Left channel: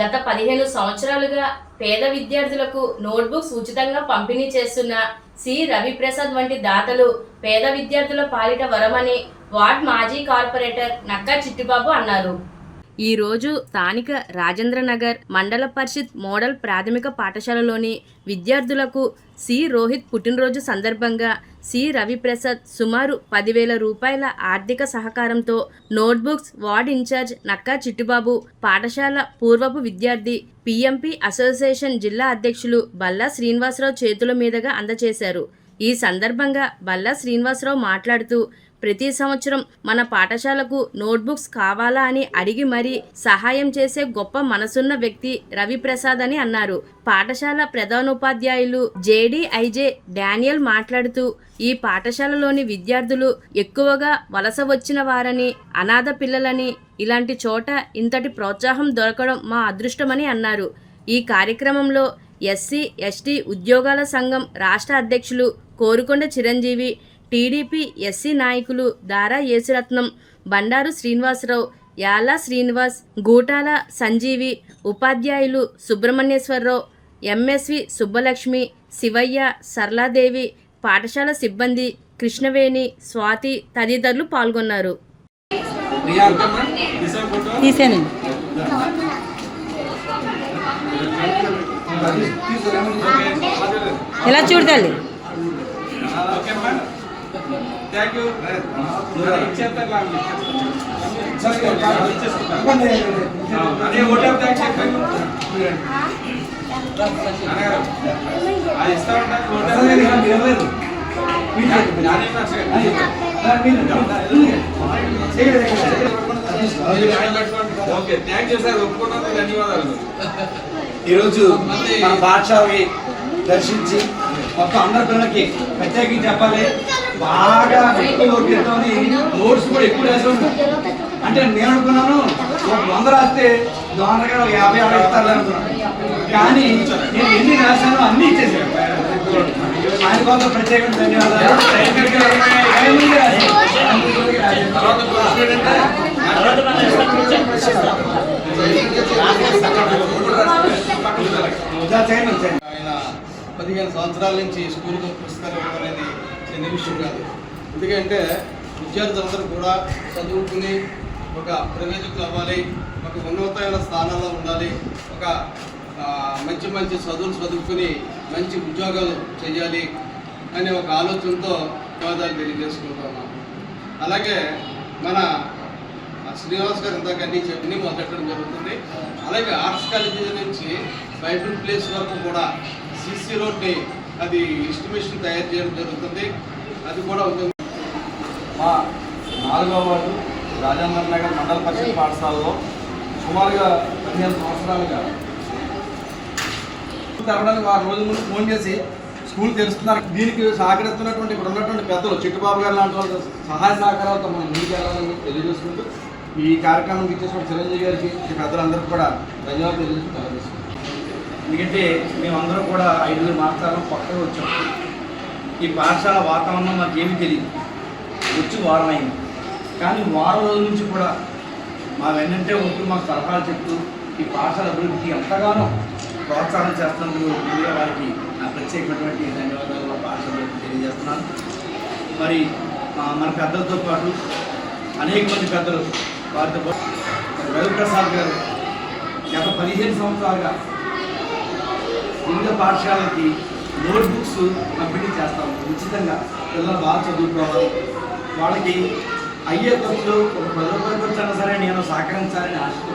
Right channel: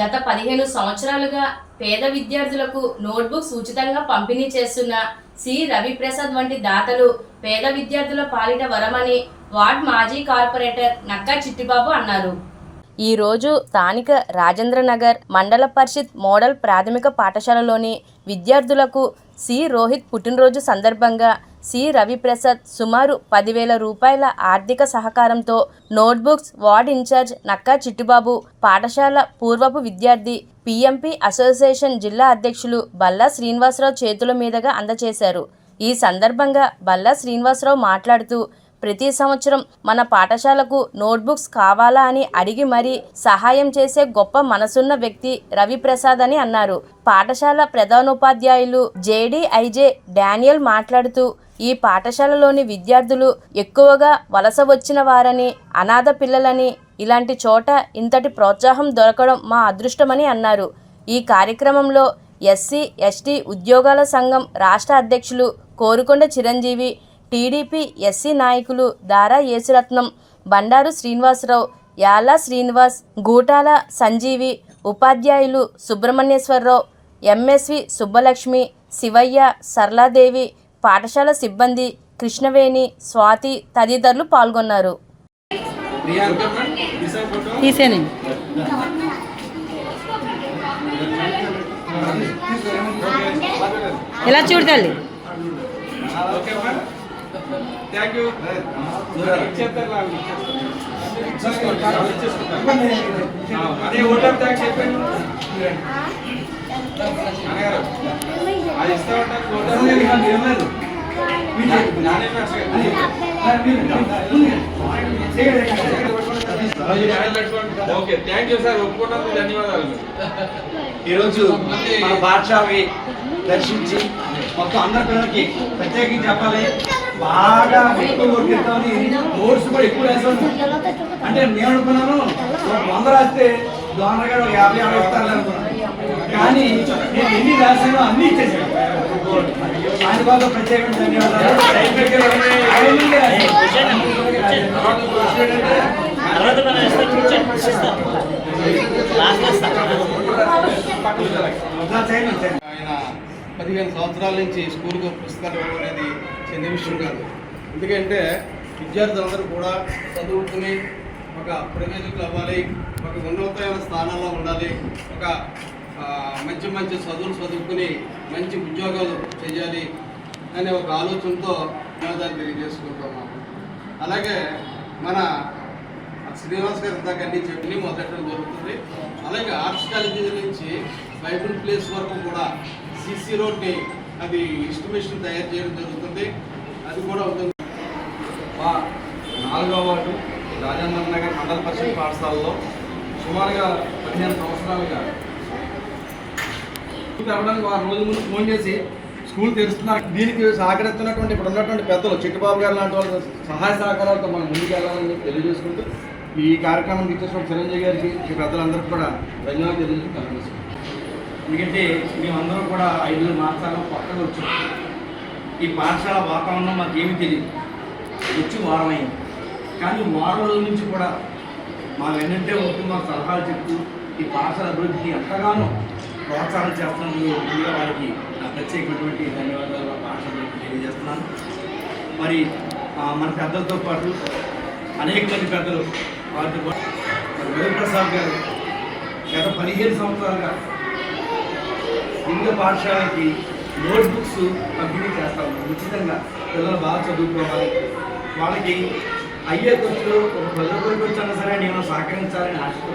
గత 15 సంవత్సరాలుగా పేద విద్యార్థులకు నోట్బుక్స్ ఉచితంగా పంపిణీ చేస్తున్న సి రవిప్రసాద్ వంటి దాతలు పేద విద్యార్థుల పాలిట వరమని వార్డ్ మాజీ కార్పొరేటర్ నక్కా చిట్టిబాబు అన్నారు. ఈరోజు స్థానిక రాజేంద్రనగర్ మండల పరిషత్ మోడల్ ప్రాథమిక పాఠశాలలోని విద్యార్థులకు సి రోహిత్ పుట్టినరోజు సందర్భంగా సి రవిప్రసాద్ సుమారు 10,000 రూపాయల ఆర్థిక సహకారంతో notebooks ward incharge Nakka Chittibabu, పాఠశాల పూర్వపు విద్యార్థి పిఎంపి అసోసియేషన్ జిల్లా అధ్యక్షులు బల్లా శ్రీనివాసరావు చేతుల మీదుగా అందజేశారు. ఈ సందర్భంగా బల్లా శ్రీనివాసరావు మాట్లాడుతూ, ప్రతి సంవత్సరం మన పాఠశాలకు నోట్బుక్స్ కావాలా అని అడిగి మరీ సహాయం చేసే గొప్ప మనసున్న వ్యక్తి రవిప్రసాద్ అని అన్నారు. పాఠశాల ప్రధానోపాధ్యాయులు జేడీఐజే డానియల్ మాట్లాడుతూ, ఈ పాఠశాలలోని విద్యార్థులు ఎక్కువగా వలస వచ్చిన వారని, అనాథ పిల్లలని, ఇలాంటి చోట ఇంతటి ప్రోత్సాహం దొరకడం మా అదృష్టమని అన్నారు. ఈ కార్యక్రమంలో ఎస్సీ ఎస్టీ ఉద్యోగాల సంఘం రాష్ట్ర అధ్యక్షులు కోరుకొండ చిరంజీవి, టీడీపీ ఎస్సీ నాయకులు దారా యేసురత్నం, బండారు శ్రీనివాసరావు, యాలా శ్రీనివాస్, గూటాల సంజీవి, ఉపాధ్యాయులు సుబ్రహ్మణ్యేశ్వరరావు, ఎంఎస్వి సుబ్బలక్ష్మి, శివయ్య, సరళాదేవి, పాఠశాల సిబ్బంది కృష్ణవేణి, స్వాతి తదితరులు పాల్గొన్నారు. ఎలా చూడాలి? Thank you. అదే ఓటర్ ట్యాక్స్ చెప్పాను అది ఇస్తా ఉంటాను. ఓకే, థ్యాంక్ యూ సార్, ఒప్పుకున్నందుకు ధన్యవాదాలు. ఈరోజు మన పాఠశాలని దర్శించి మొత్తం అందరి పిల్లలకి ప్రత్యేకించి చెప్పాలి, బాగా ఎక్కువ వర్తిస్తామని నోట్స్ కూడా ఎక్కువ రాసి. అంటే నేను అనుకున్నాను 100 రాస్తే దోనగా 50 ఇస్తారు అనుకున్నాను, కానీ నేను ఎన్ని రాశానో అన్నీ ఇచ్చేసాను. ఆయన కోసం ప్రత్యేకంగా ధన్యవాదాలు. ఆయన 15 సంవత్సరాల నుంచి స్కూల్కి పుస్తకాలు ఇవ్వడం అనేది చిన్న విషయం కాదు. ఎందుకంటే విద్యార్థులందరూ కూడా చదువుకుని ఒక ప్రయోజకులు అవ్వాలి, ఒక ఉన్నతమైన స్థానాల్లో ఉండాలి, ఒక మంచి మంచి చదువుకుని మంచి ఉద్యోగాలు చేయాలి అనే ఒక ఆలోచనతో ధన్యవాదాలు తెలియజేసుకుంటున్నాం. అలాగే మన శ్రీనివాస్ గారు ఇందాక అన్నీ చెప్పి మొదలెట్టడం జరుగుతుంది. అలాగే ఆర్ట్స్ కాలేజీ నుంచి బైబిల్ ప్లేస్ వరకు కూడా సిసి రోడ్ని అది ఎస్టిమేషన్ తయారు చేయడం జరుగుతుంది. అది కూడా ఉంది. మా 4వ వార్డు రాజేంద్రనగర్ మండల పరిషత్ పాఠశాలలో సుమారుగా 15 సంవత్సరాలుగా తెరవడానికి వారు రోజు ముందు ఫోన్ చేసి స్కూల్ తెరుస్తున్నారు. దీనికి సహకరిస్తున్నటువంటి ఇప్పుడు ఉన్నటువంటి పెద్దలు చిట్టుబాబు గారు లాంటి వాళ్ళ సహాయ సహకారాలతో మనం ముందుకెళ్ళాలని తెలియజేసుకుంటూ, ఈ కార్యక్రమానికి ఇచ్చేసిన చిరంజీవి గారికి ఈ పెద్దలందరికీ కూడా ధన్యవాదాలు తెలియజేసుకుంటాం. ఎందుకంటే మేమందరం కూడా 5 మాసాలు కొత్తగా వచ్చాం. ఈ పాఠశాల వాతావరణం మాకేమీ తెలియదు. వచ్చి వారం అయింది, కానీ వారం రోజుల నుంచి కూడా మా వెన్నంటే ఉంటూ మాకు సలహాలు చెప్తూ ఈ పాఠశాల అభివృద్ధికి ఎంతగానో ప్రోత్సాహం చేస్తున్నందుకు ముందుగా వారికి నా ప్రత్యేకమైనటువంటి ధన్యవాదాలు మా పాఠశాల తెలియజేస్తున్నాను. మరి మన పెద్దలతో పాటు అనేక మంది పెద్దలు వారితో పాటు రవిప్రసాద్ గారు గత 15 సంవత్సరాలుగా వివిధ పాఠశాలకి నోట్బుక్స్ పంపిణీ చేస్తాము. ఉచితంగా పిల్లలు బాగా చదువుకోవాలి, వాళ్ళకి అయ్యే ఖర్చులు ఒక 10 రూపాయల ఖర్చు అయినా సరే నేను సహకరించాలని ఆశతో